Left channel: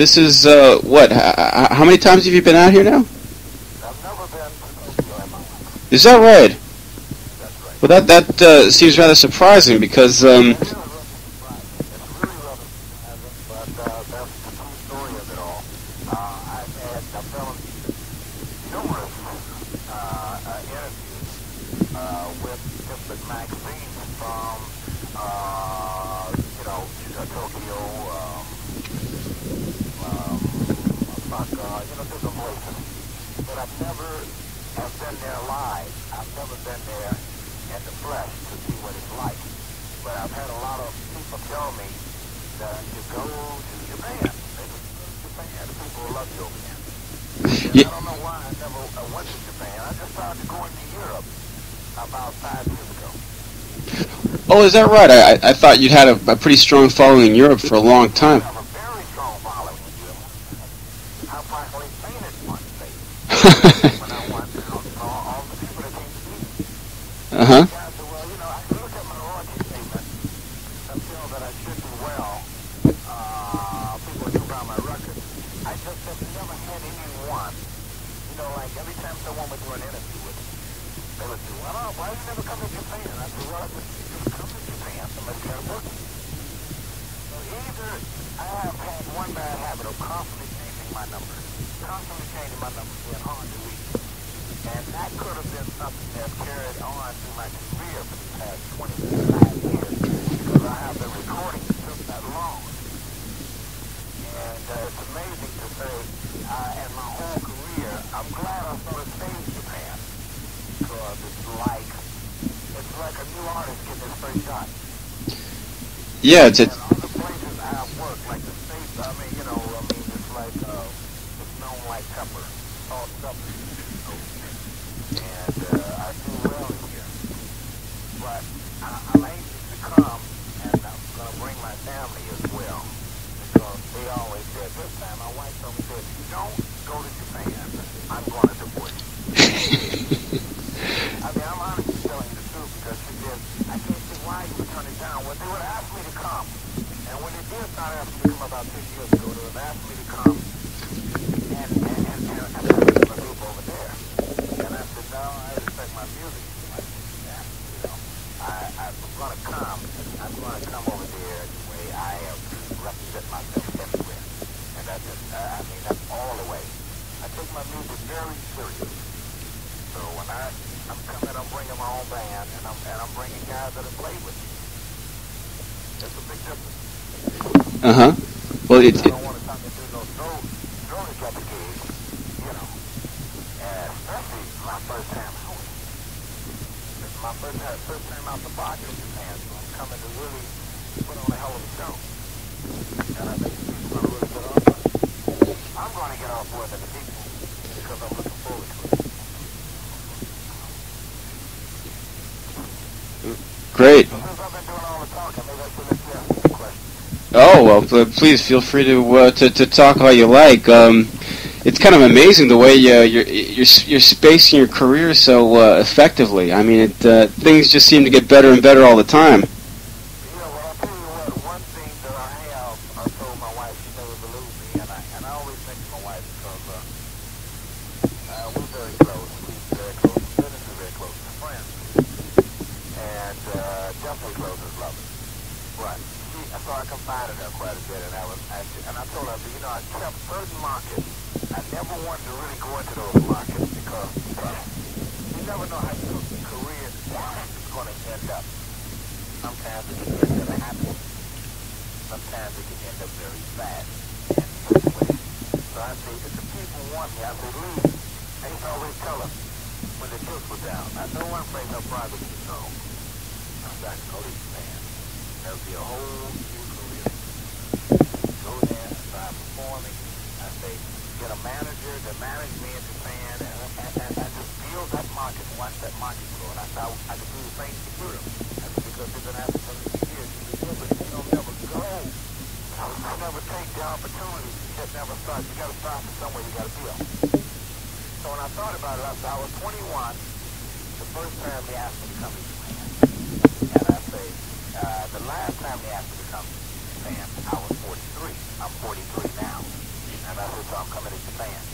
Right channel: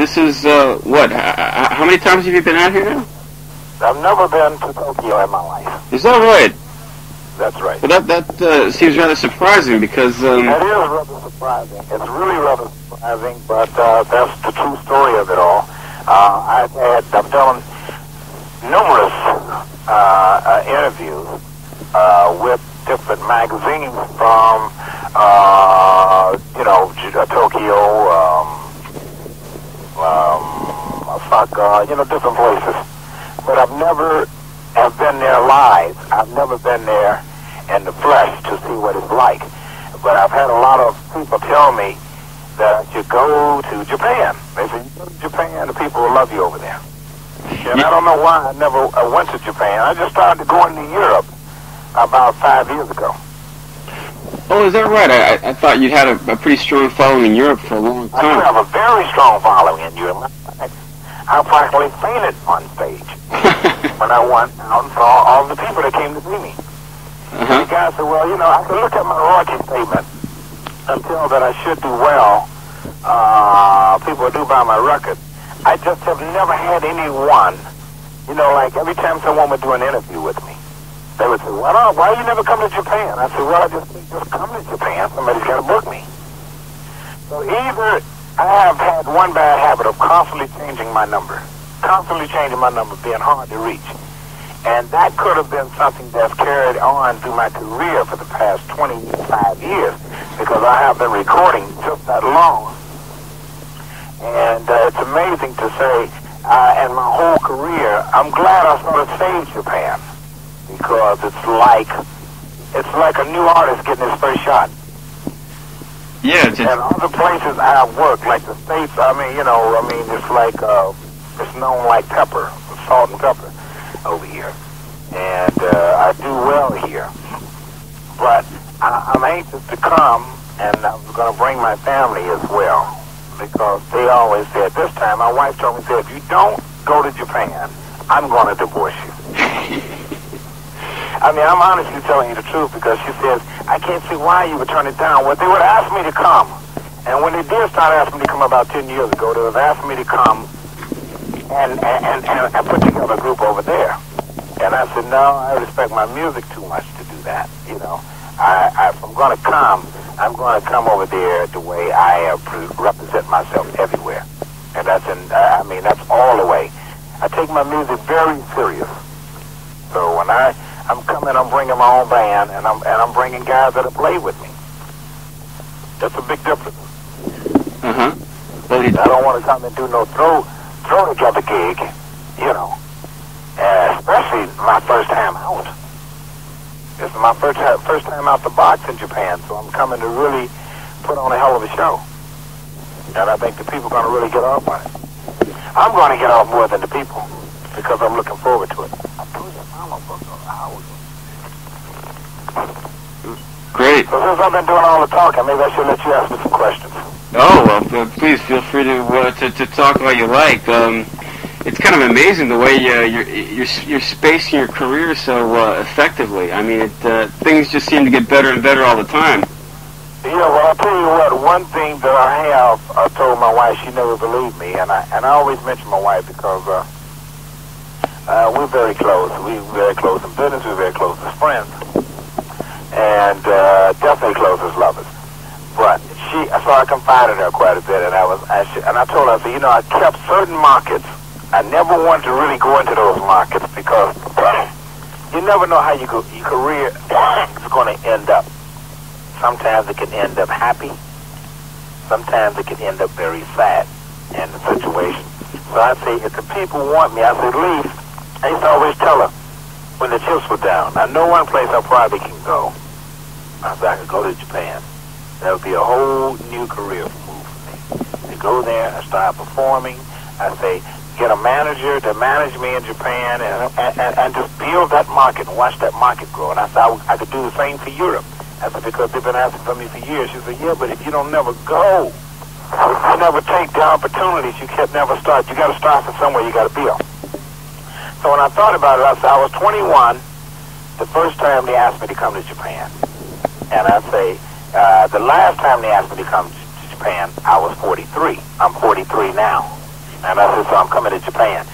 This is, what, how many times have you been out here now? I've never been to Tokyo in my life. Is that right? That's right. But that seems rather surprising because... That is rather surprising. It's really rather surprising, but that's the true story of it all. I've done numerous interviews with different magazines from, Tokyo, Osaka, different places. But I've never have been there live. I've never been there in the flesh to see what it's like. But I've had a lot of people tell me that I should go to Japan. They say, you go to Japan, the people will love you over there. And I don't know why I went to Japan. I just started going to Europe about 5 years ago. Oh, is that right? I thought you'd had a pretty strong following in Europe for a long time. I have a very strong following in Europe. I practically fainted on stage when I went out and saw all the people that came to see me. Uh-huh. The guy said, well, I can look at my royalty statement and tell that I should do well. People do buy my record. I just have never had anyone, like every time someone would do an interview with me, they would say, well, why you never come to Japan? I said, well, I just come to Japan. Somebody's got to book me. So either I have had one bad habit of constantly changing my number, being hard to reach. And that could have been something that's carried on through my career for the past 25 years because I have been recording just that long. And it's amazing to say, in my whole career, I'm glad I sort of saved Japan because it's like a new artist getting his first shot. Yeah, and other places I've worked, like the States, it's like, it's known like pepper, salt and pepper over here. And I do well here. But I'm anxious to come, and I'm going to bring my family as well. Because they always said, this time my wife told me, if you don't go to Japan, I'm going to divorce you. I'm honestly telling you the truth because she says, I can't see why you would turn it down. Well, they would ask me to come. And when they did start asking me to come about 10 years ago, they would ask me to come and put together a group over there. And I said, no, I respect my music too much to do that. If I'm going to come, I'm going to come over there the way I represent myself everywhere. And that's all the way. I take my music very serious. So when I'm coming, I'm bringing my own band, and I'm bringing guys that'll play with me. That's a big difference. Uh-huh. Well, I don't want to come and do no throw together gig, especially my first time out. This is my first time out the box in Japan, so I'm coming to really put on a hell of a show. And I think the people are going to really get off on it. I'm going to get off more than the people because I'm looking forward to it. Great. So since I've been doing all the talking, maybe I should let you ask me some questions. Oh, well, please feel free to talk all you like. It's kind of amazing the way you're spacing your career so effectively. I mean, things just seem to get better and better all the time. Yeah, well, I'll tell you what. One thing that I told my wife, she never believed me, and I always mention my wife because we're very close. We're very close in business. We're very close as friends, and definitely close as lovers. But so I confided in her quite a bit, and I told her, I said, I kept certain markets. I never wanted to really go into those markets because you never know how your career is going to end up. Sometimes it can end up happy. Sometimes it can end up very sad in the situation. So I say, if the people want me, I say, leave. I used to always tell her when the chips were down. I know one place I probably can go. I said, I could go to Japan. That would be a whole new career move for me. To go there and start performing. I say, get a manager to manage me in Japan and just build that market and watch that market grow. And I said, I could do the same for Europe. I said, because they've been asking for me for years. She said, yeah, but if you don't never go, if you never take the opportunities, you can never start. You got to start from somewhere. You got to build. So when I thought about it, I said, I was 21 the first time they asked me to come to Japan. And I say, the last time they asked me to come to Japan, I was 43. I'm 43 now. And I said, so I'm coming to Japan.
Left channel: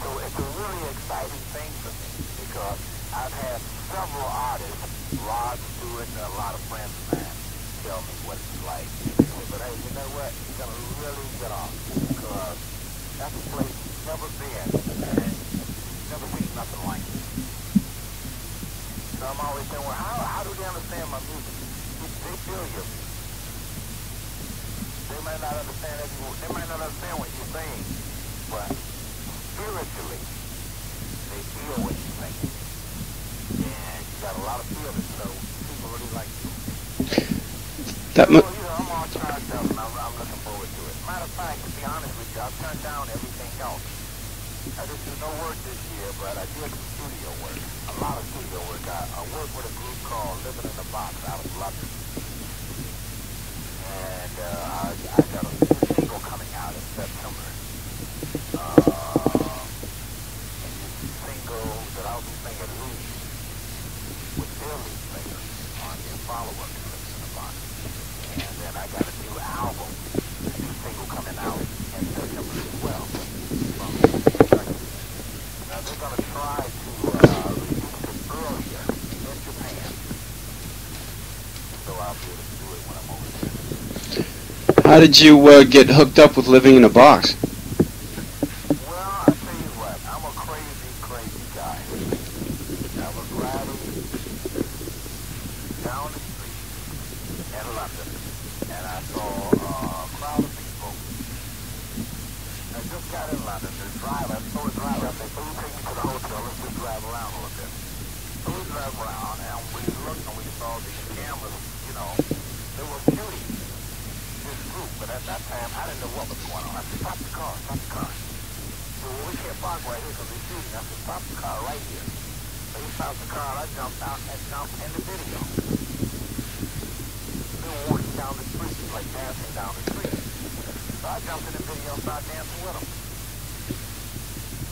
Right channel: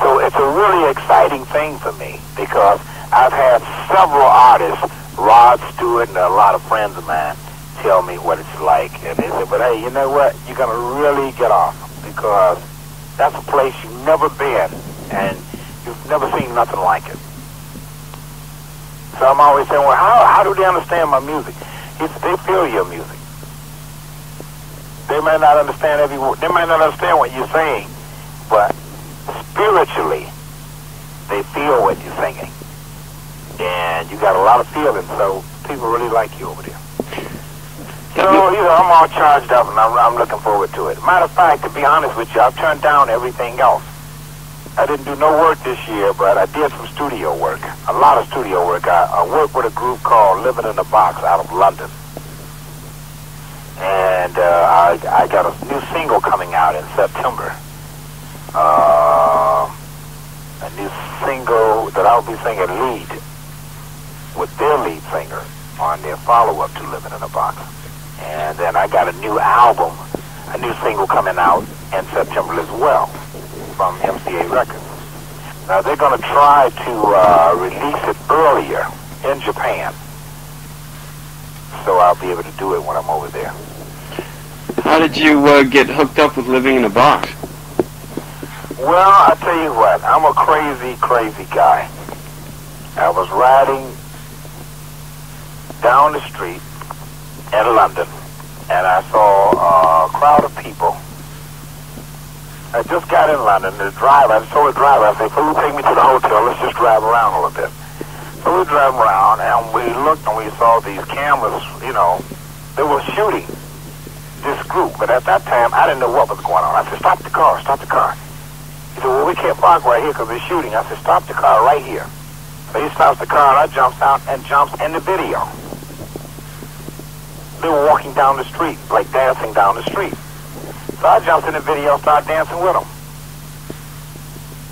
So it's a really exciting thing for me because I've had several artists, Rod Stewart and a lot of friends of mine, tell me what it's like. And they said, but hey, you know what? You're going to really get off because that's a place you've never been and you've never seen nothing like it. So I'm always saying, well, how do they understand my music? He said, they feel your music. They may not understand every word. They may not understand what you're saying, but spiritually, they feel what you're singing. And you got a lot of feeling, so people really like you over there. So, I'm all charged up, and I'm looking forward to it. Matter of fact, to be honest with you, I've turned down everything else. I didn't do no work this year, but I did some studio work, a lot of studio work. I worked with a group called Living in a Box out of London. And I got a new single coming out in September. A new single that I'll be singing lead with their lead singer on their follow-up to Living in a Box. And then I got a new album, a new single coming out in September as well from MCA Records. Now they're going to try to release it earlier in Japan. So I'll be able to do it when I'm over there. How did you get hooked up with Living in a Box? Well, I tell you what, I'm a crazy, crazy guy. I was riding down the street in London, and I saw a crowd of people. I just got in London. I told the driver, I said, "Can you take me to the hotel? Let's just drive around a little bit." So we drove around, and we looked, and we saw these cameras, they were shooting this group. But at that time, I didn't know what was going on. I said, stop the car, stop the car. He said, well, we can't park right here because they're shooting. I said, stop the car right here. So he stops the car, and I jumps out and jumps in the video. They were walking down the street, like dancing down the street. So I jumped in the video and started dancing with them.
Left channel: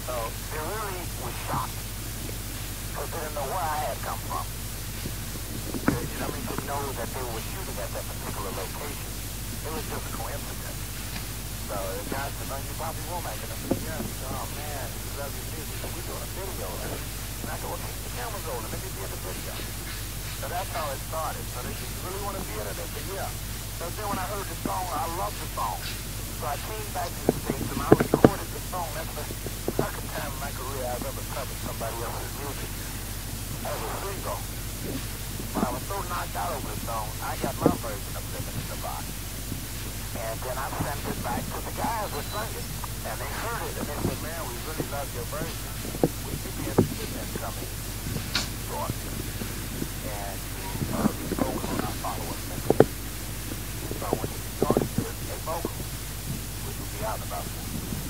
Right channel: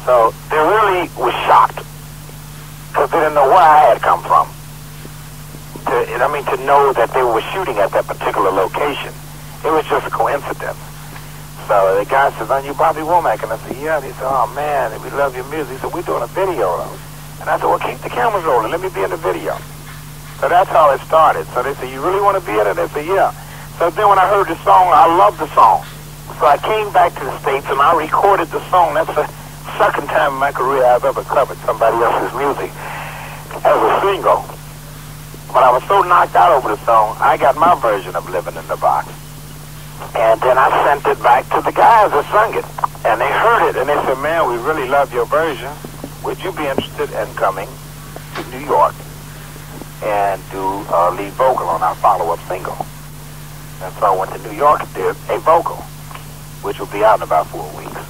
So they really was shocked because they didn't know where I had come from. To know that they were shooting at that particular location. It was just a coincidence. So the guy says, "Aren't you Bobby Womack?" And I said, "Yeah." And he said, "Oh, man, we love your music." He said, "We're doing a video of it." And I said, "Well, keep the cameras rolling. Let me be in the video." So that's how it started. So they said, "You really want to be in it?" They said, "Yeah." So then when I heard the song, I loved the song. So I came back to the States and I recorded the song. That's the second time in my career I've ever covered somebody else's music as a single. But I was so knocked out over the song, I got my version of Living in the Box. And then I sent it back to the guys that sung it. And they heard it, and they said, "Man, we really love your version. Would you be interested in coming to New York and do lead vocal on our follow-up single?" And so I went to New York and did a vocal, which will be out in about 4 weeks.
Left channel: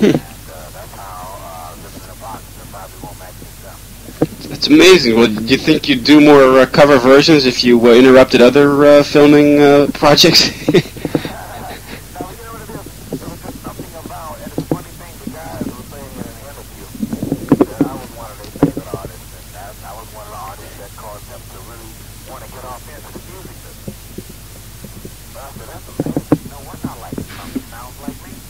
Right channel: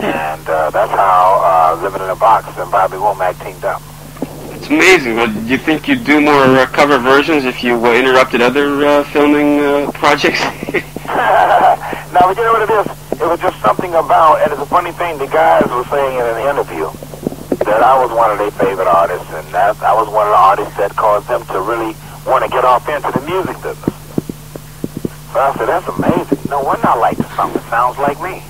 And that's how Living in a Box and Bobby Womack teamed up. It's amazing. Well, do you think you'd do more cover versions if you interrupted other filming projects? No, but you know what it is? It was just something about, and it's a funny thing, the guys were saying in an interview that I was one of their favorite artists, and that I was one of the artists that caused them to really want to get off into the music business. So I said, that's amazing. No wonder I like the song. It sounds like me.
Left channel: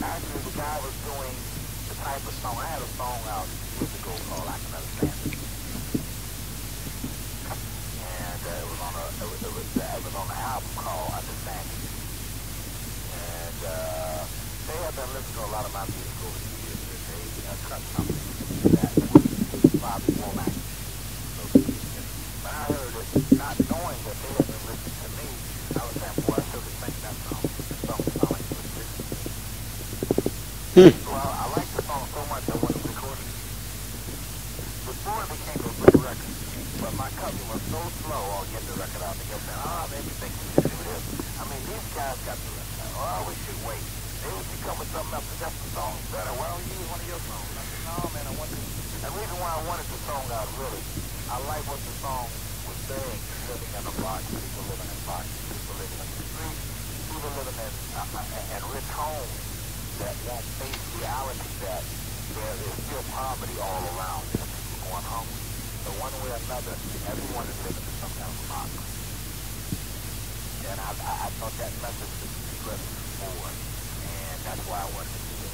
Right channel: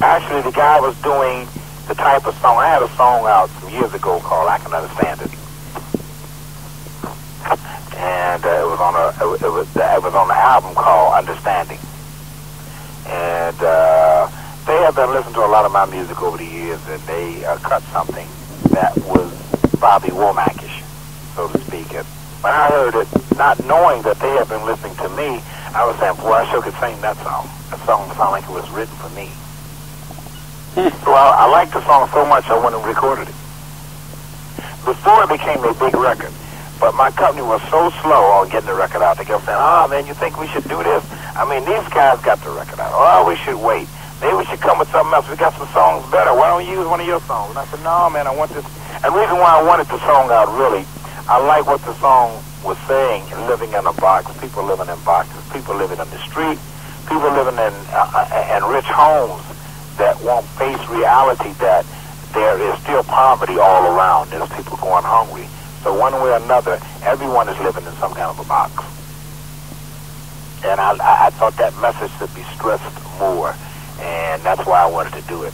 Actually, the guy was doing the type of song. I had a song out some years ago called "I Can Understand It," and it was on the album called "Understanding." And they have been listening to a lot of my music over the years, and they cut something that was Bobby Womack-ish, so to speak. And when I heard it, not knowing that they had been listening to me, I was saying, "Boy, I sure could sing that song. That song sounded like it was written for me." So I liked the song so much I went and recorded it. Before it became a big record, but my company was so slow on getting the record out. They kept saying, "Oh, man, you think we should do this? I mean, these guys got the record out. Oh, we should wait. Maybe we should come with something else. We got some songs better. Why don't you use one of your songs?" And I said, "No, man, I want this." And the reason why I wanted the song out, really, I like what the song was saying, living in a box, people living in boxes, people living in the street, people living in rich homes that won't face reality that there is still poverty all around. There's people going hungry. So one way or another, everyone is living in some kind of a box. And I thought that message should be stressed more, and that's why I wanted to do it.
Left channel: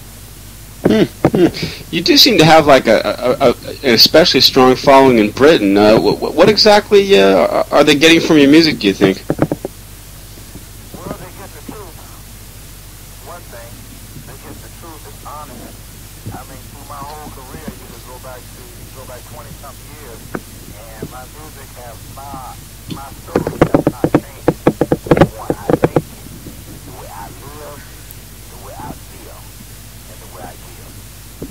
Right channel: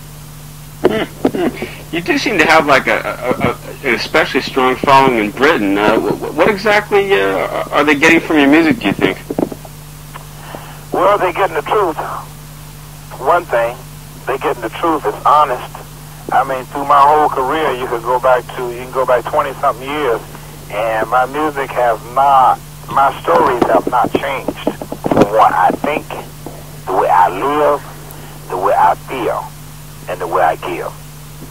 You do seem to have like an especially strong following in Britain. What exactly are they getting from your music, do you think? Well, they're getting the truth. One thing, they're getting the truth. It's honest. I mean, through my whole career, you can go back 20-something years, and my music has not, my stories have not changed from what I think, the way I live, the way I feel, and the way I give.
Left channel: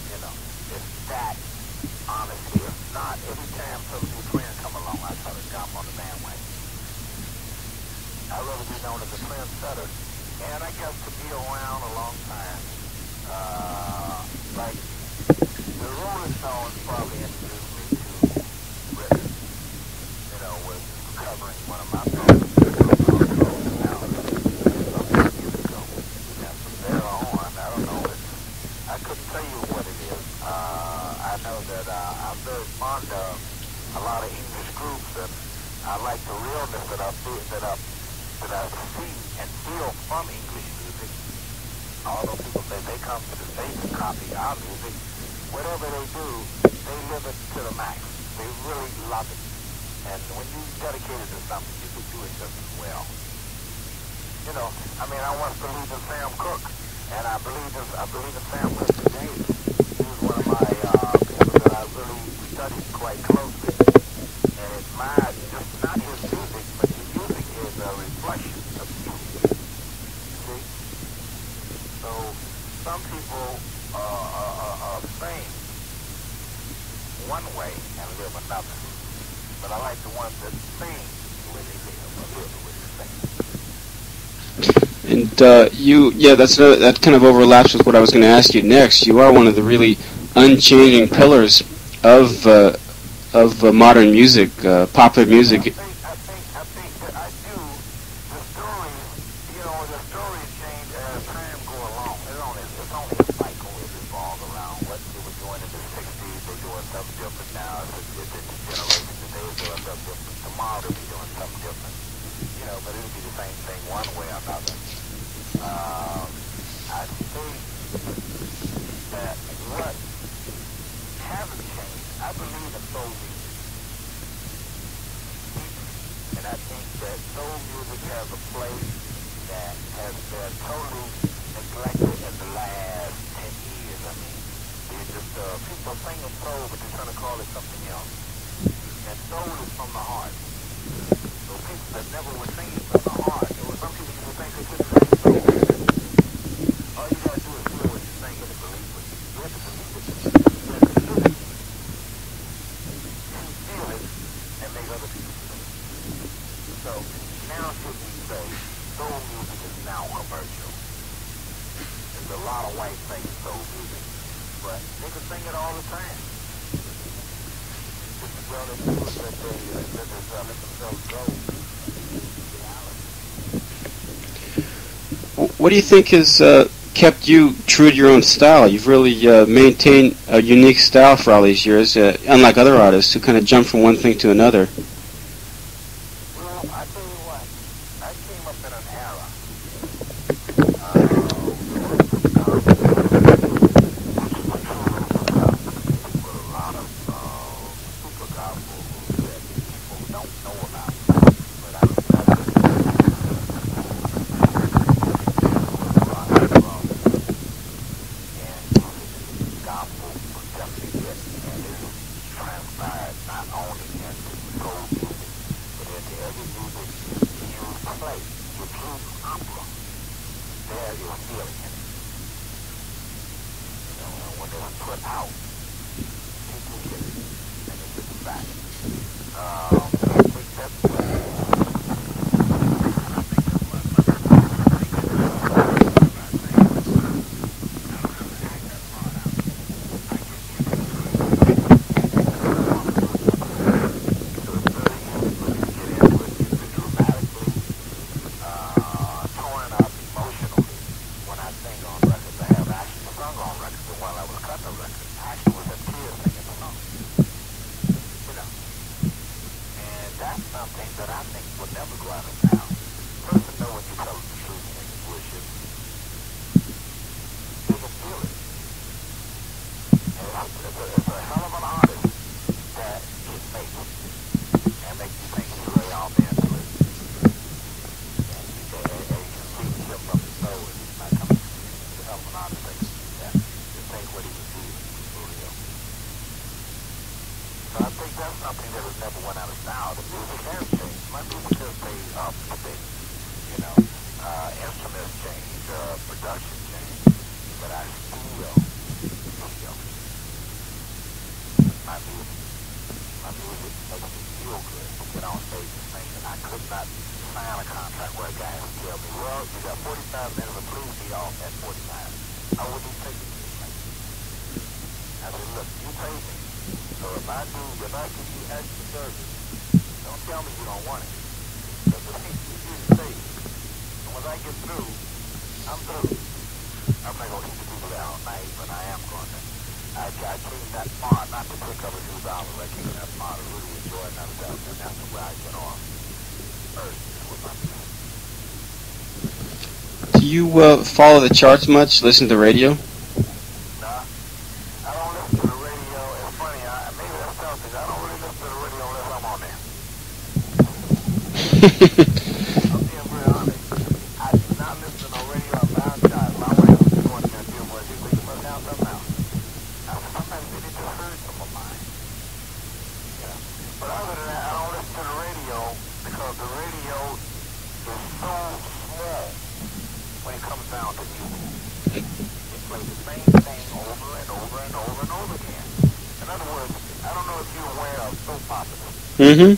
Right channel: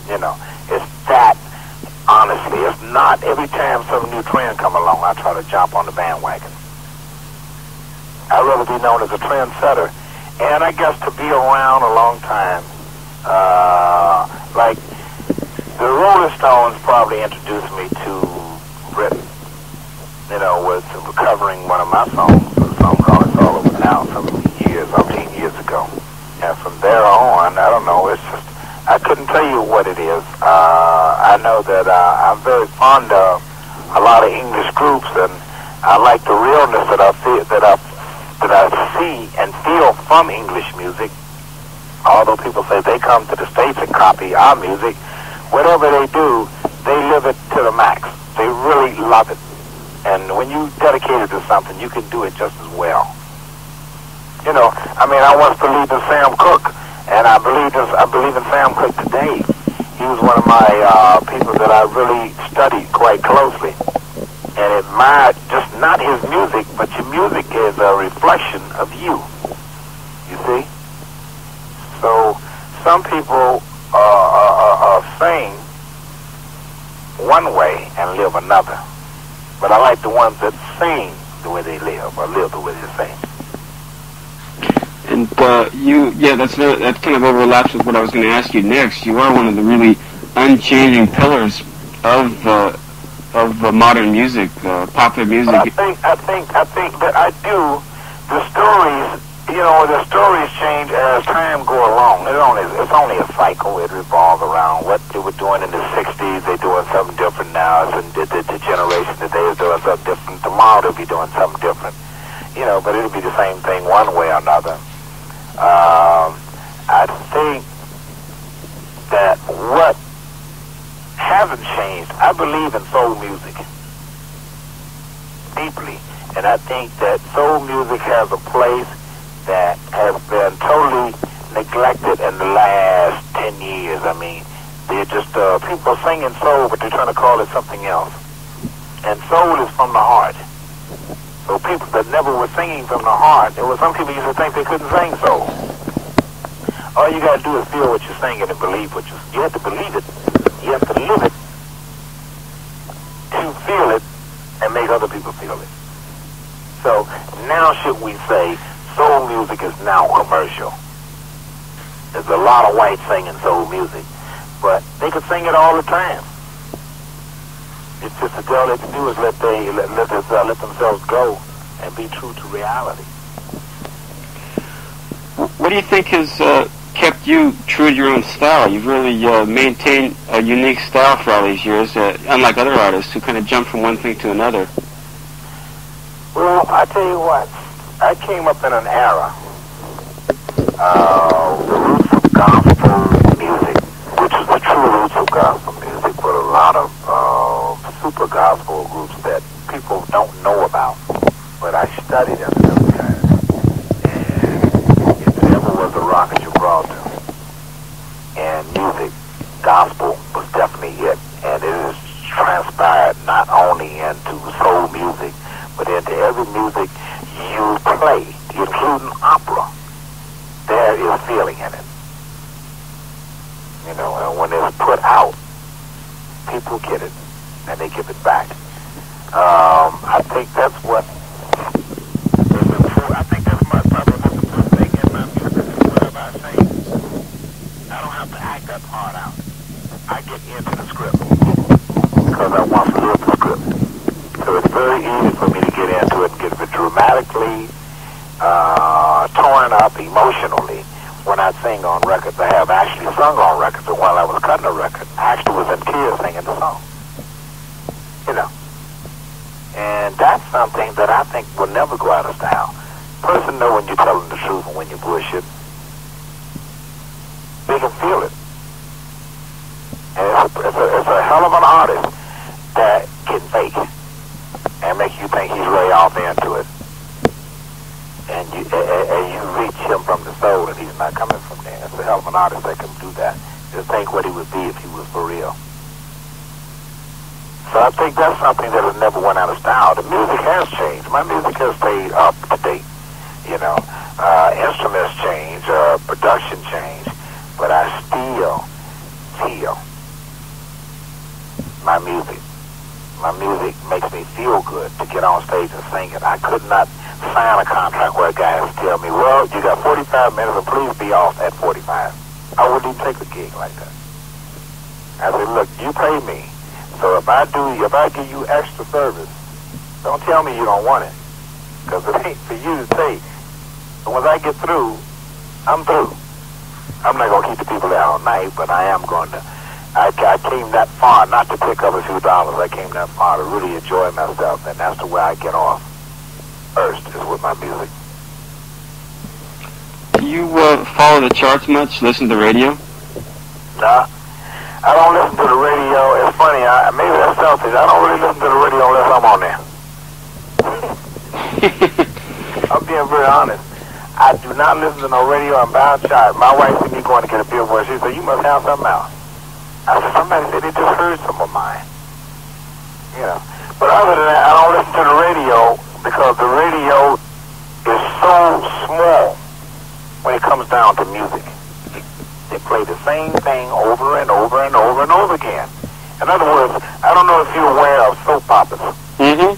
You know, it's that, honestly. It's not every time some new trend come along, I try to jump on the bandwagon. I'd rather be known as a trendsetter. And I guess to be around a long time, like the Rolling Stones probably introduced me to Britain, you know, with covering one of my songs, a song called It's All Over Now, some years, 18 years ago. And from there on, I don't know, it's just, I couldn't tell you what it is. I know that I'm very fond of a lot of English groups, and I like the realness that I feel, that I see and feel from English music. Although people say they come to the States and copy our music, whatever they do, they live it to the max. They really love it. And when you dedicate it to something, you can do it just as well. You know, I mean, I once believed in Sam Cooke, and I believe in Sam Cooke today. He was one of my people that I really studied quite closely and admired, just not his music, but your music is a reflection of you. You see? So some people sing one way and live another. But I like the ones that sing the way they live, or live the way they sing. And that kind of overlaps with what I was going to ask you next. You are one of the really unchanging pillars of modern music, popular music. I think that I do. The stories, you know, the stories change as time go along. It's only a cycle. It revolves around what they were doing in the '60s. They're doing something different now. And the generation today is doing something different. Tomorrow they'll be doing something different. You know, but it'll be the same thing one way or another. I think that what hasn't changed, I believe in soul music deeply, and I think that soul music has a place that has been totally neglected in the last 10 years. I mean, they're just, people are singing soul, but they're trying to call it something else. And soul is from the heart. So people that never were singing from the heart, there were some people used to think they couldn't sing soul. All you got to do is feel what you're singing and believe what you have to believe it. You have to live it to feel it and make other people feel it. So now should we say soul music is now commercial? There's a lot of whites singing soul music, but they could sing it all the time. It's just that all they can do is let themselves go and be true to reality. What do you think has kept you true to your own style? You've really maintained a unique style for all these years, unlike other artists who kind of jump from one thing to another. Well, I tell you what, I came up in an era, the roots of gospel music, which is the true roots of gospel music, with a lot of super gospel groups that people don't know about, but I studied them. And if there ever was a rock and roll and music, gospel was definitely it. And it has transpired not only into soul music, but into every music you play, including opera. There is feeling in it. You know, and when it's put out, people get it, and they give it back. I think that's what. I think that's my thing in my music. Whatever I say, I don't have to act that part out. I get into the script because I want to live the script. So it's very easy for me to get into it and get dramatically torn up emotionally when I sing on records. I have actually sung on records, and while I was cutting a record, I actually was in tears singing the song. You know. And that's something that I think will never go out of style. person know when you're telling the truth and when you're bullshit. They can feel it. And it's a hell of an artist that can fake and make you think he's really off into it. And you reach him from the soul and he's not coming from there. It's a hell of an artist that can do that. Just think what he would be if he was for real. So I think that's something that has never went out of style. The music has changed. My music has stayed up to date. You know, instruments change, production change, but I still feel my music. My music makes me feel good to get on stage and sing it. I could not sign a contract where a guy has to tell me, well, you got 45 minutes and please be off at 45. I wouldn't even take a gig like that. I said, look, you pay me. So if I give you extra service, don't tell me you don't want it. Because it ain't for you to take. And once I get through, I'm through. I'm not going to keep the people there all night, but I am going to. I came that far not to pick up a few dollars. I came that far to really enjoy myself, and that's the way I get off first, is with my music. Do you follow the charts much? Listen to radio? Nah, I don't listen to the radio. It's funny, maybe that's selfish. I don't really listen to the radio unless I'm on there. I'm being very honest. I do not listen to no radio. I'm bound shot. My wife see me going to get a billboard. She said, you must have something else. I said, somebody said they just heard some of mine. You know. But other than that, I don't listen to the radio because the radio is so small when it comes down to music. They play the same thing over and over and over and over again. In other words, I don't know if you're aware of soap operas. Mm-hmm.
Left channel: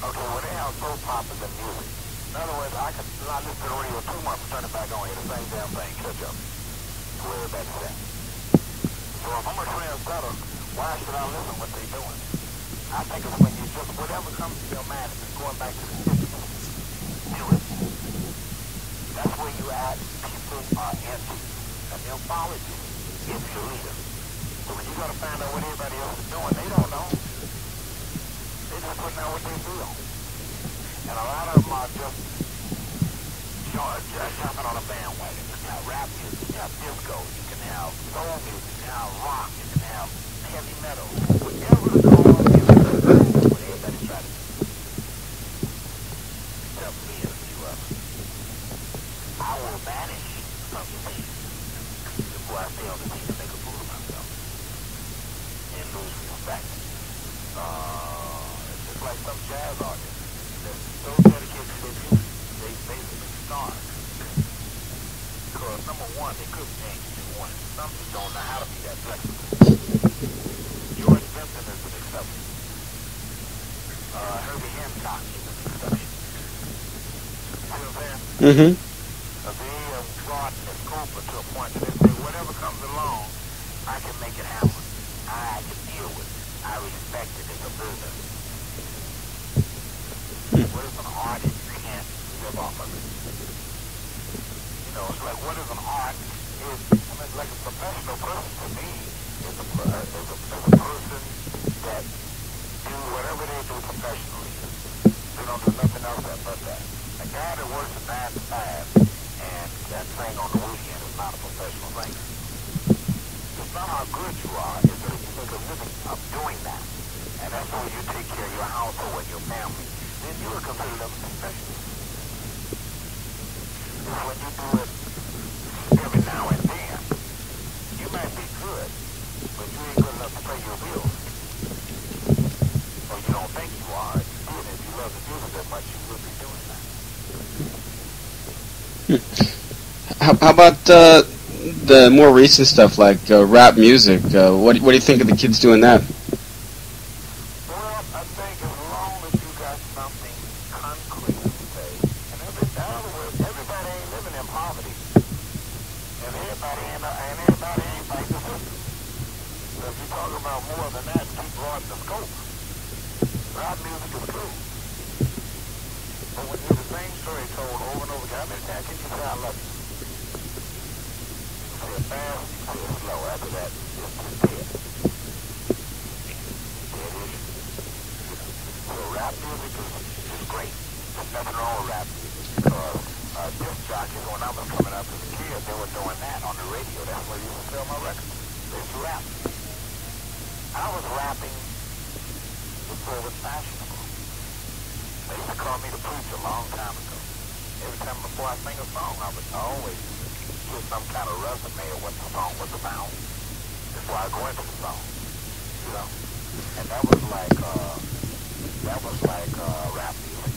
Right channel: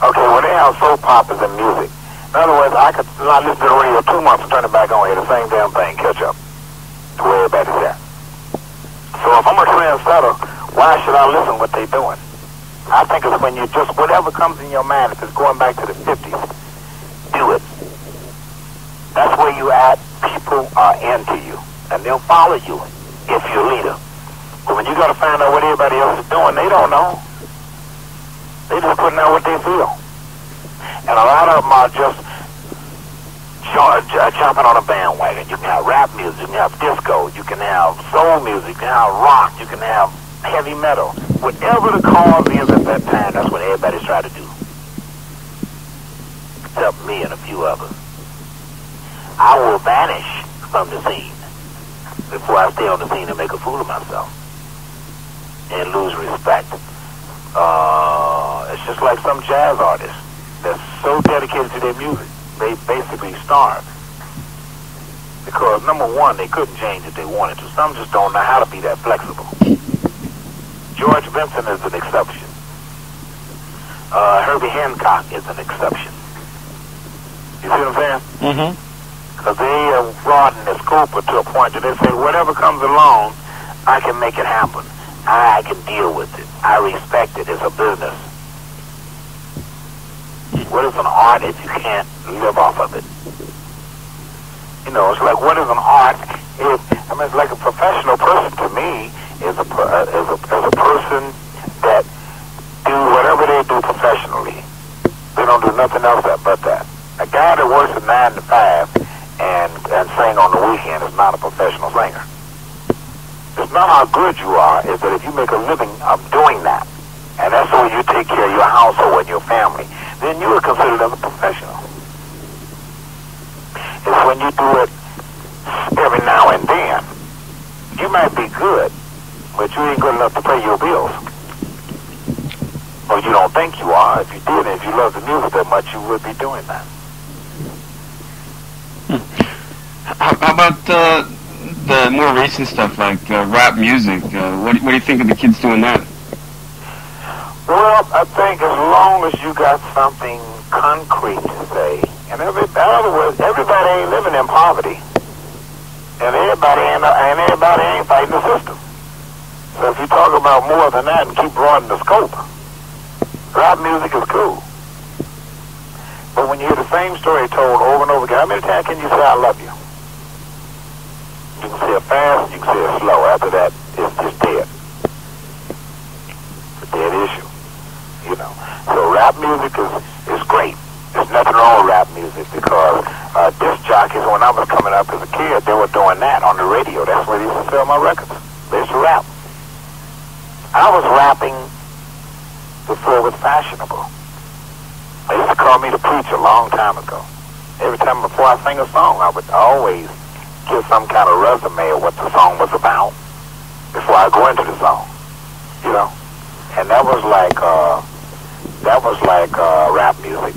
Okay, well, they have soap operas and music. In other words, I could not listen to the radio 2 months and turn it back on, hear the same damn thing, catch up to where everybody's at. So if I'm a trendsetter, why should I listen to what they're doing? I think it's when you just, whatever comes in your mind, if it's going back to the 50s, do it. That's where you at. People are into you, and they'll follow you if you're a leader. But when you got to find out what everybody else is doing, they don't know. They just putting out what they feel. And a lot of them are just jumping on a bandwagon. You can have rap music, you can have disco, you can have soul music, you can have rock, you can have heavy metal. Whatever the cause is at that time, that's what everybody's trying to do. Except me and a few others. I will vanish from the scene before I stay on the scene and make a fool of myself and lose respect. It's just like some jazz artists that's so dedicated to their music, they basically starve. Because, number one, they couldn't change if they wanted to. Some just don't know how to be that flexible. George Benson is an exception. Herbie Hancock is an exception. You see what I'm saying? Mm-hmm. Because they have broadened the scope to a point that they say, whatever comes along, I can make it happen. I can deal with it. I respect it. It's a business. What is an art if you can't live off of it? You know, it's like, what is an art if, I mean, it's like a professional person to me is a person that do whatever they do professionally. They don't do nothing else but that. A guy that works at 9 to 5 and sing on the weekend is not a professional singer. It's not how good you are, it's that if you make a living of doing that, and that's the way you take care of your household and your family, then you are considered as a professional. It's when you do it every now and then. You might be good, but you ain't good enough to pay your bills. Or you don't think you are. If you did, if you love the music that much, you would be doing that. How about the more recent stuff like rap music? What do you think of the kids doing that? Well, I think as long as you got something concrete to say, and in other words, everybody ain't living in poverty, and everybody ain't fighting the system. So if you talk about more than that and keep broadening the scope, rap music is cool. But when you hear the same story told over and over again, how many times can you say I love you? You can say it fast, you can say it slow. After that, it's just dead. It's a dead issue. You know. So rap music is great. It's nothing wrong with rap music because disc jockeys, when I was coming up as a kid, they were doing that on the radio. That's where they used to sell my records. They used to rap. I was rapping before it was fashionable. They used to call me the preacher a long time ago. Every time before I sing a song, I would always give some kind of resume of what the song was about before I go into the song, you know. And that was like rap music.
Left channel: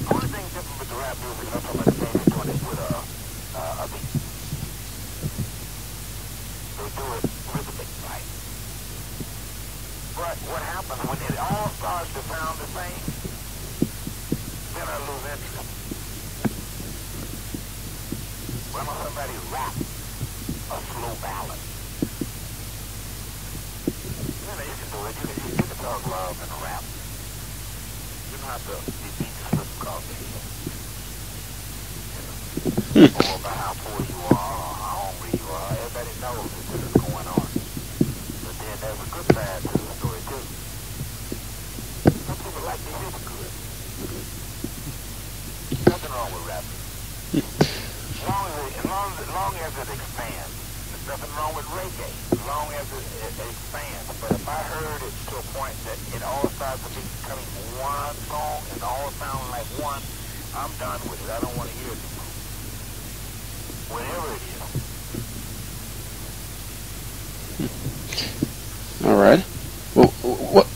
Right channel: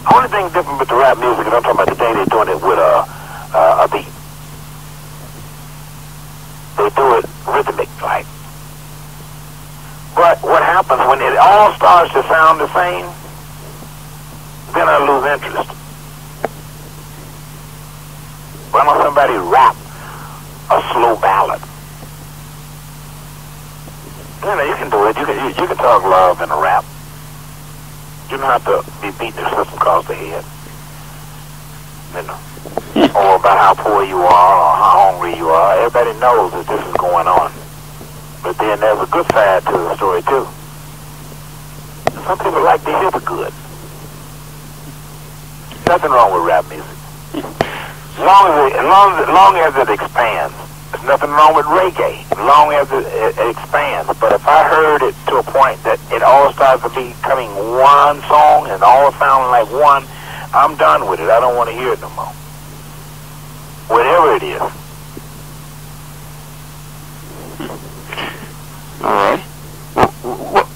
The only thing different with the rap music, and I'm talking about today, they're doing it with a beat. They do it rhythmic, like. But what happens when it all starts to sound the same, then I lose interest. Why don't somebody rap a slow ballad? You know, you can do it. You can talk love in a rap. You don't have to be beating the system across the head. You know, or about how poor you are or how hungry you are. Everybody knows that this is going on. But then there's a good side to the story too. Some people like to hear the good. Nothing wrong with rap music. As long as it expands. There's nothing wrong with reggae, as long as it expands. But if I heard it to a point that it all starts to becoming one song and all sounding like one, I'm done with it. I don't want to hear it no more. Whatever it is. All right. Well,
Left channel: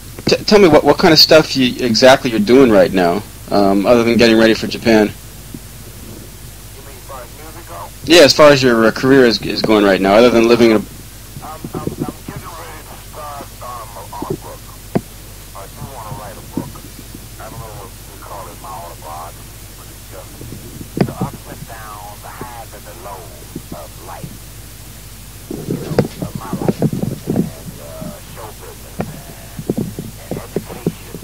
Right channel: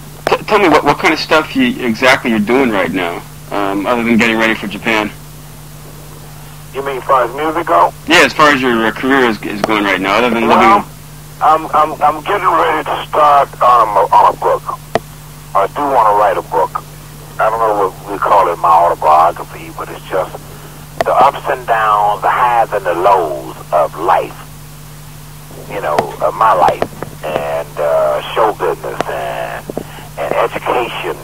tell me what kind of stuff exactly you're doing right now, other than getting ready for Japan. You mean as far as music go? Yeah, as far as your career is going right now, other than living. I'm getting ready to start on a book. I do want to write a book. I don't know what we call it, my autobiography, but it's just the ups and downs, the highs and the lows of life. You know, of my life, and show business, and education,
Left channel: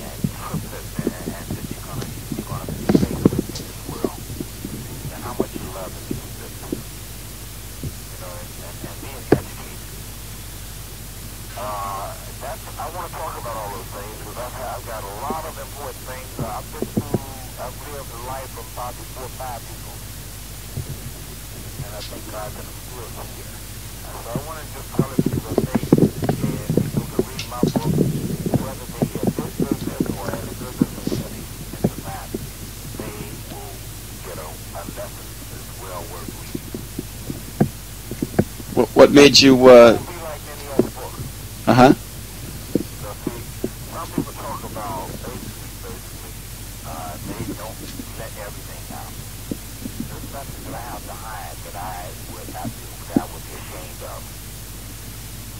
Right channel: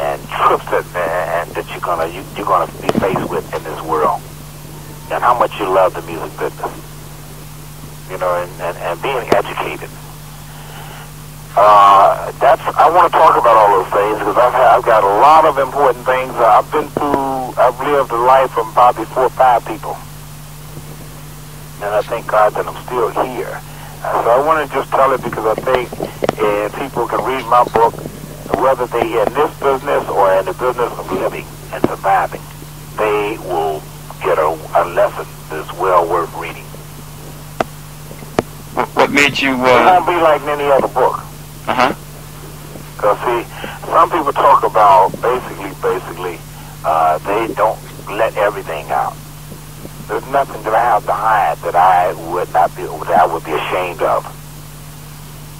and trips that you're gonna be faced with in this world. And how much you love the music business, you know, and being educated. I want to talk about all those things because I've got a lot of important things. I've lived a life from probably 4 or 5 people, and I thank God that I'm still here. So I want to just tell it because I think if people can read my book, whether they're in this business or in the business of living and surviving, they will get a lesson that's well worth reading. What made you? It won't be like any other book. Because see, some people talk about basically, they don't let everything out. There's nothing that I have to hide that I would be ashamed of.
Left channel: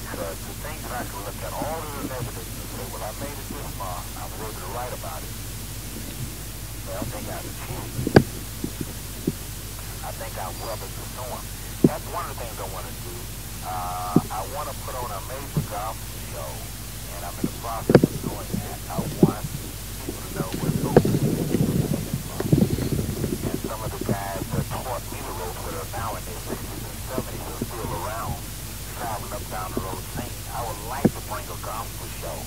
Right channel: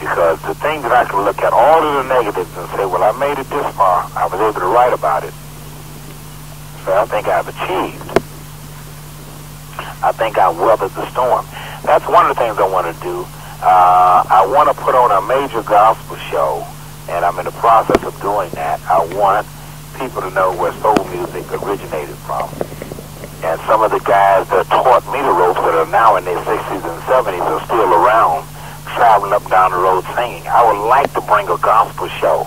Because the thing that I can look at all of the negatives and say, well, I made it this far. I was able to write about it. So I think I've achieved. I think I weathered the storm. That's one of the things I want to do. I want to put on a major gospel show, and I'm in the process of doing that. I want people to know where soul music originated from. And some of the guys that taught me the ropes that are now in their 60s and 70s are still around, traveling up down the road singing. I would like to bring a gospel show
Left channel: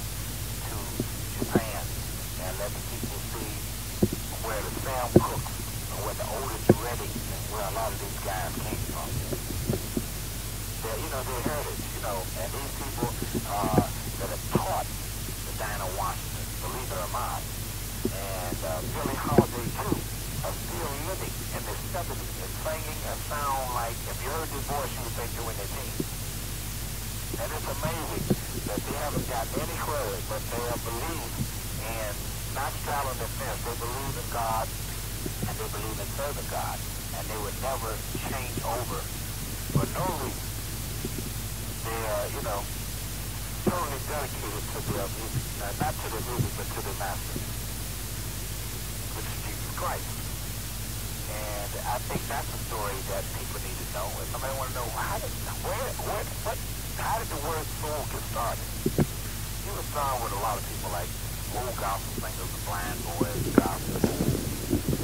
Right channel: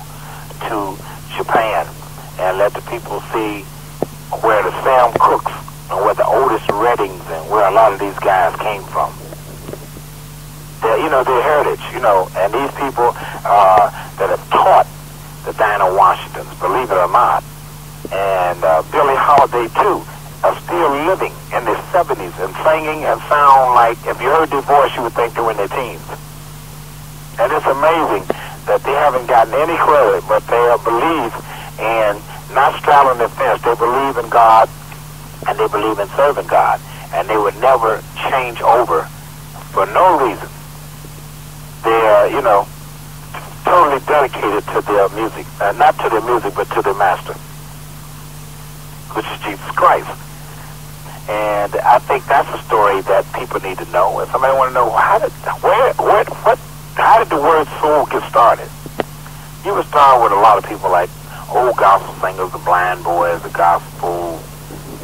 to Japan and let the people see where the Sam Cooks and where the Otis Reddings and where a lot of these guys came from. Their heritage, and these people that have taught the Dinah Washingtons, believe it or not, and Billie Holiday too, are still living in their 70s and singing and sound like, if you heard their voice, you would think they were in their teens. And it's amazing that they haven't gotten any credit, but they believe in not straddling the fence. They believe in God, and they believe in serving God, and they would never change over for no reason. They're, totally dedicated to their music, not to their music, but to their master, which is Jesus Christ. And I think that's a story that people need to know. If somebody want to know how did the word soul get started? You would start with a lot of people like old gospel singers, the Blind Boys, the gospel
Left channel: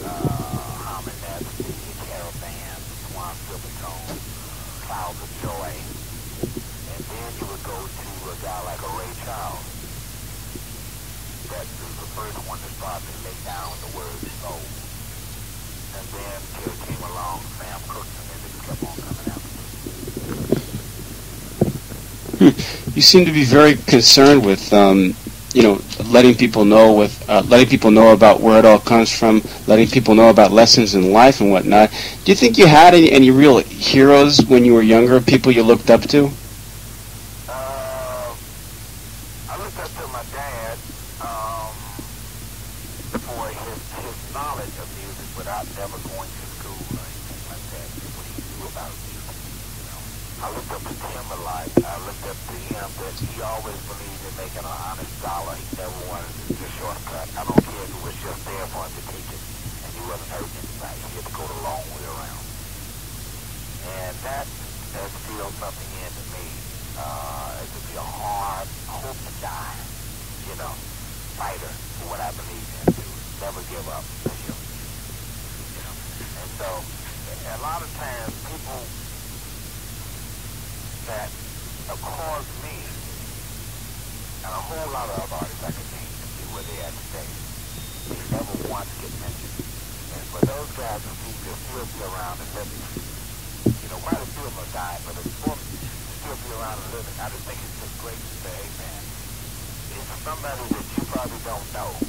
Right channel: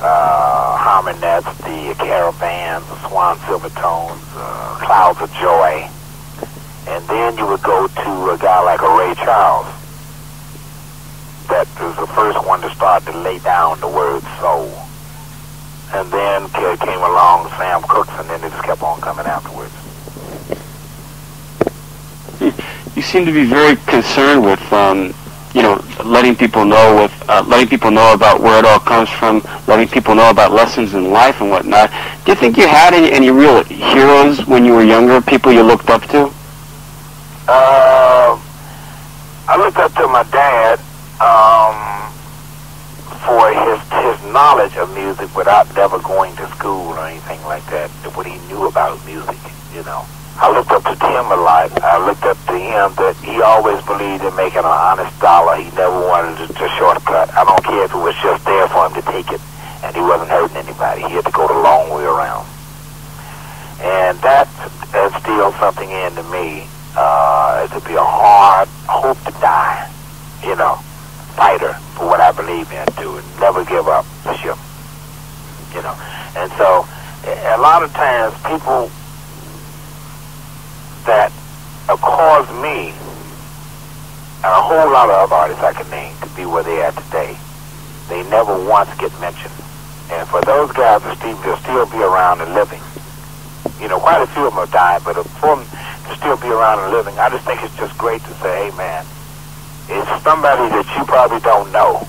harmonettes, the caravans, the Swan Silvertones, Clouds of Joy. And then you would go to a guy like a Ray Charles. that was the first one to start to lay down the word soul. And then came along Sam Cooks, and then they just kept on coming afterwards. You seem to be very concerned with, letting people know about where it all comes from, letting people know about lessons in life and whatnot. Do you think you had any real heroes when you were younger, people you looked up to? I looked up to my dad for his knowledge of music without never going to school or anything like that, what he knew about music, I looked up to him a lot. I looked up to him that he always believed in making an honest dollar. He never wanted to shortcut. I don't care if it was just there for him to take it, and he wasn't hurting anybody. He had to go the long way around. And that instilled something into me. To be a hard, hope to die, fighter for what I believe in, to never give up the ship, And so, a lot of times, people that have caused me, and a whole lot of other artists I can name, to be where they are today, they never once get mentioned. And for those guys to still be around and living, quite a few of them have died, but for them to still be around and living, I just think it's just great to say, hey man, it's somebody that you probably don't know,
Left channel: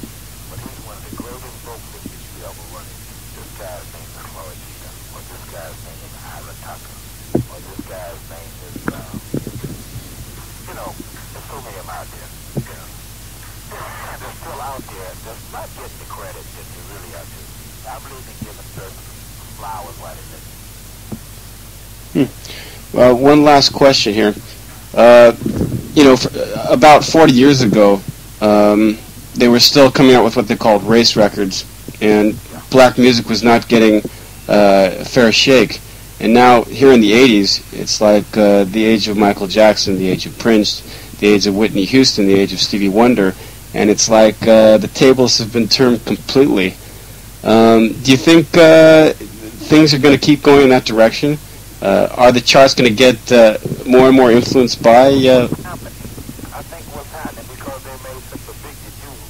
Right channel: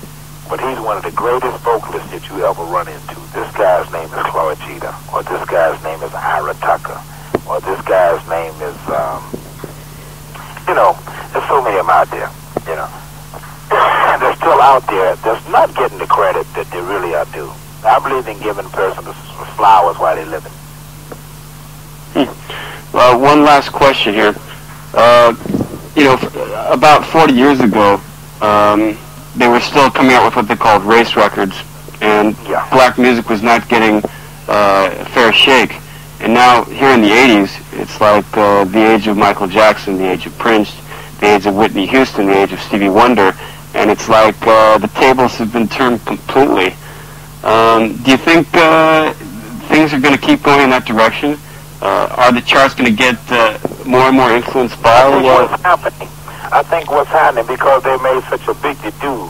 but he's one of the greatest vocalists that you ever run into. This guy's name is Cloyd Jeter, or this guy's name is Ira Tucker, or this guy's name is, there's so many of them out there, They're still out there, that's not getting the credit that they really are due. I believe in giving a person the flowers while they're living. Well, one last question here. About 40 years ago, they were still coming out with what they called race records, and black music was not getting a fair shake. And now, here in the 80s, it's like the age of Michael Jackson, the age of Prince, the age of Whitney Houston, the age of Stevie Wonder, and it's like the tables have been turned completely. Do you think things are going to keep going in that direction? Are the charts going to get more and more influenced by... What's happening? I think what's happening, because they made such a big to-do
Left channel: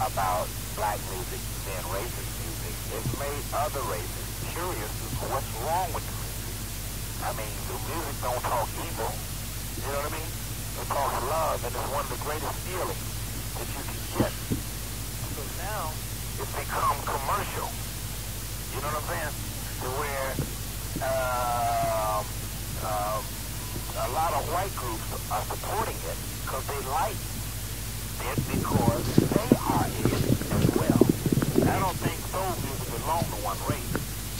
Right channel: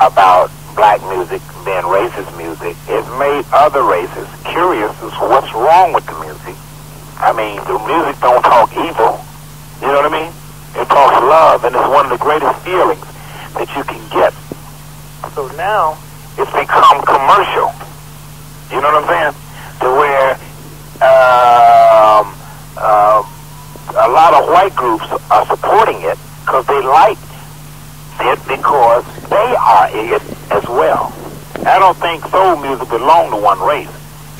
about black music being racist music, it made other races curious as to what's wrong with the music. I mean, the music don't talk evil. You know what I mean? It talks love, and it's one of the greatest feelings that you can get. So now, it's become commercial. You know what I'm saying? To where a lot of white groups are supporting it because they like it because they are it as well. I don't think soul music belonged to one race.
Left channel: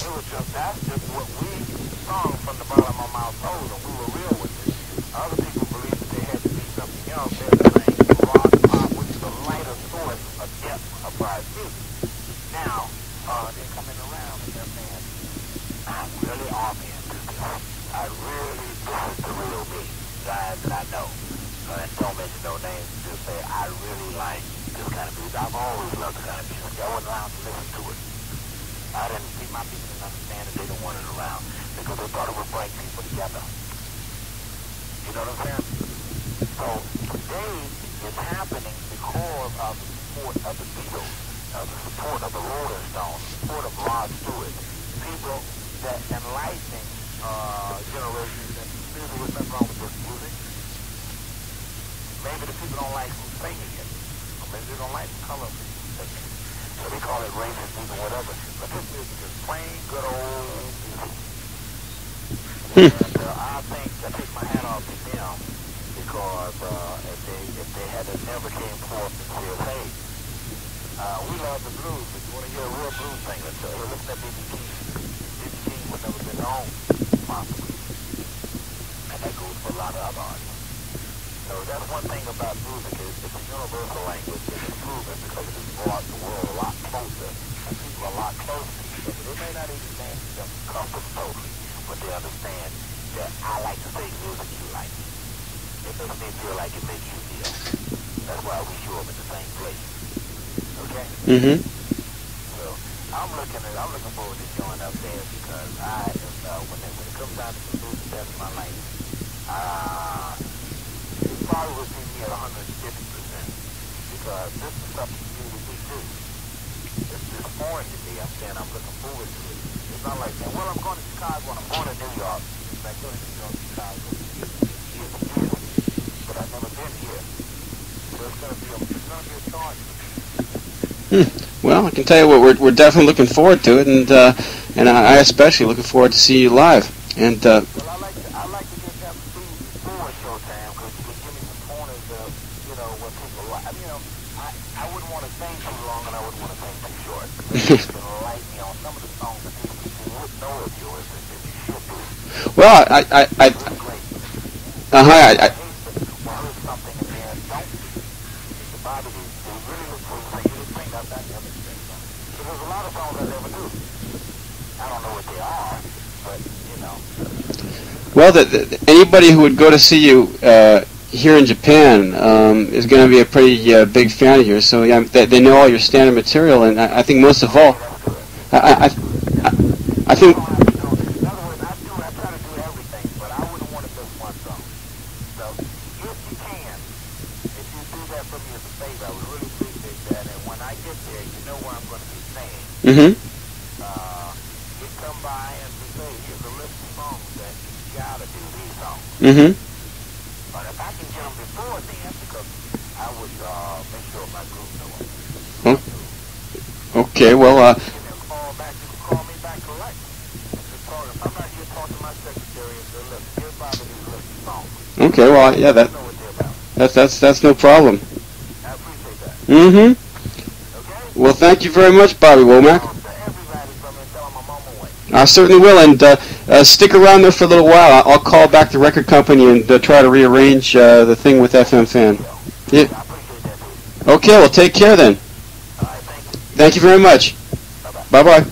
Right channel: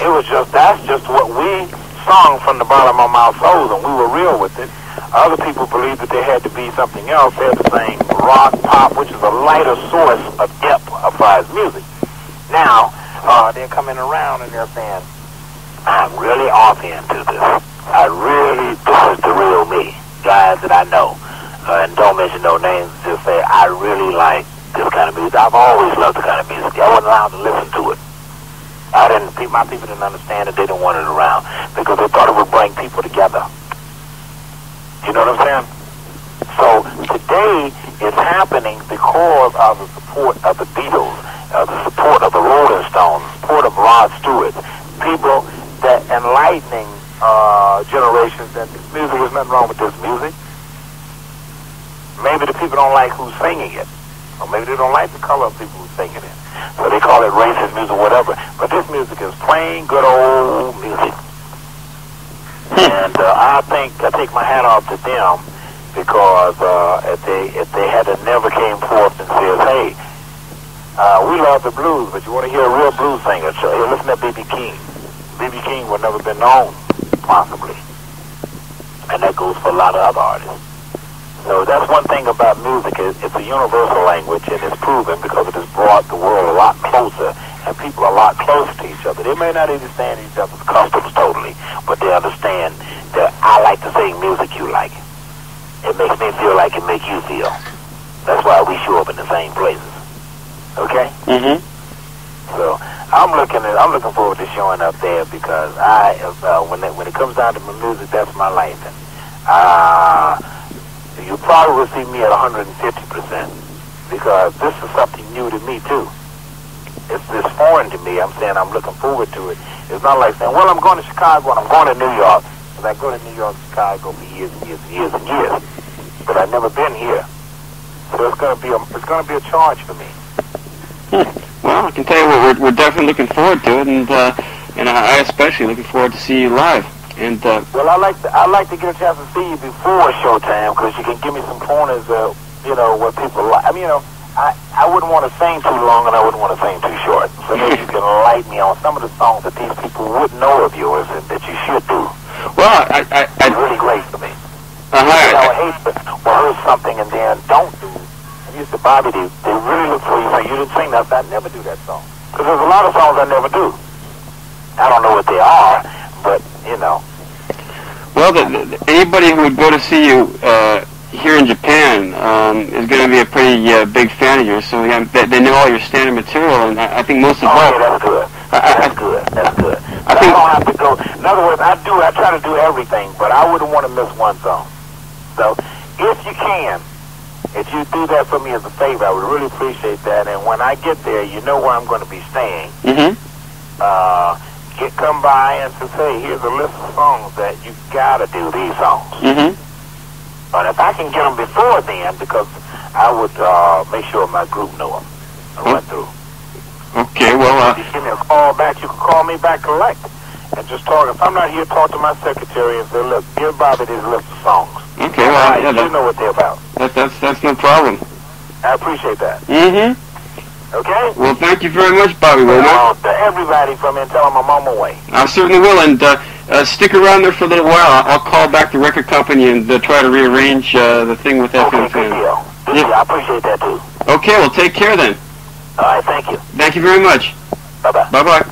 It was that's just what we sung from the bottom of our souls, and we were real with it. Other people believed that there had to be something else. They had to sing rock, pop, which is a lighter source of depth as far as music. Now, they're coming around and they're saying, I'm really off into this. This is the real me. Guys that I know, and don't mention no names, just say, I really like this kind of music. I've always loved the kind of music. I wasn't allowed to listen to it. My people didn't understand it. They didn't want it around because they thought it would bring people together. You know what I'm saying? So today it's happening because of the support of the Beatles, the support of the Rolling Stones, the support of Rod Stewart, people that enlightening generations that music, there's nothing wrong with this music. Maybe the people don't like who's singing it, or maybe they don't like the color of people who's singing it. So they call it racist music or whatever. But this music is plain good old music. And I take my hat off to them because if they had never came forth and said, hey, we love the blues, but you want to hear a real blues singer, so hey, listen to B.B. King. B.B. King would never been known, possibly. And that goes for a lot of other artists. So that's one thing about music. It's a universal language, and it's proven because it has brought the world a lot closer, and people are a lot closer to each other. They may not understand each other's customs totally, but they understand that I like to sing music you like. It makes me feel like it makes you feel. That's why we show up in the same places. Okay? Mm-hmm. So I'm looking forward to showing up there because when it comes down to my music, that's my life. And, you probably will see me at 150% because this is something new to me too. It's foreign to me. I'm saying I'm looking forward to it. It's not like saying, well, I'm going to Chicago and I'm going to New York. Because I go to New York and Chicago for years and years and years and years. But I've never been here. So it's going to be a charge for me. Well, I can tell you what, we're definitely looking forward to it, and I especially looking forward to see you live. And well, I like to get a chance to see you before showtime because you can give me some pointers of what people like. I mean, I wouldn't want to sing too long and I wouldn't want to sing too short. So maybe you can light me on some of the songs that these people wouldn't know of yours and that you should do. Well, it's really great for me. I hate to rehearse something and then don't do it. I used to Bobby, they really look for you and say, you didn't sing that, I never do that song. Because there's a lot of songs I never do. I don't know what they are, but, Well, anybody who would go to see you here in Japan is going to be a pretty big fan of yours. So yeah, they know all your standard material, and I think most of all... Yeah, that's good. That's good. I think I don't have to go. In other words, I try to do everything, but I wouldn't want to miss one song. So, if you can, if you do that for me as a favor, I would really appreciate that. And when I get there, you know where I'm going to be staying. Mm-hmm. Come by and say, here's a list of songs that you got to do these songs. Mm-hmm. But if I can get them before then, because I would make sure my group know them. I went through. Okay, well... If you give me a call back, you can call me back collect. And just talk. If I'm not here, talk to my secretary and say, look, give Bobby this list of songs. Okay, well, yeah, you know what they're about. That's no problem. I appreciate that. Mm-hmm. Okay? Well, thank you very much, Bobby Womack. To everybody from me and tell them I'm on my way. I certainly will, and stick around there for a little while. I'll call back the record company and try to rearrange the thing with FM Fan. Yeah. I appreciate that, too. Okay, well, take care then. All right, thank you. Thank you very much. Bye-bye. Bye-bye.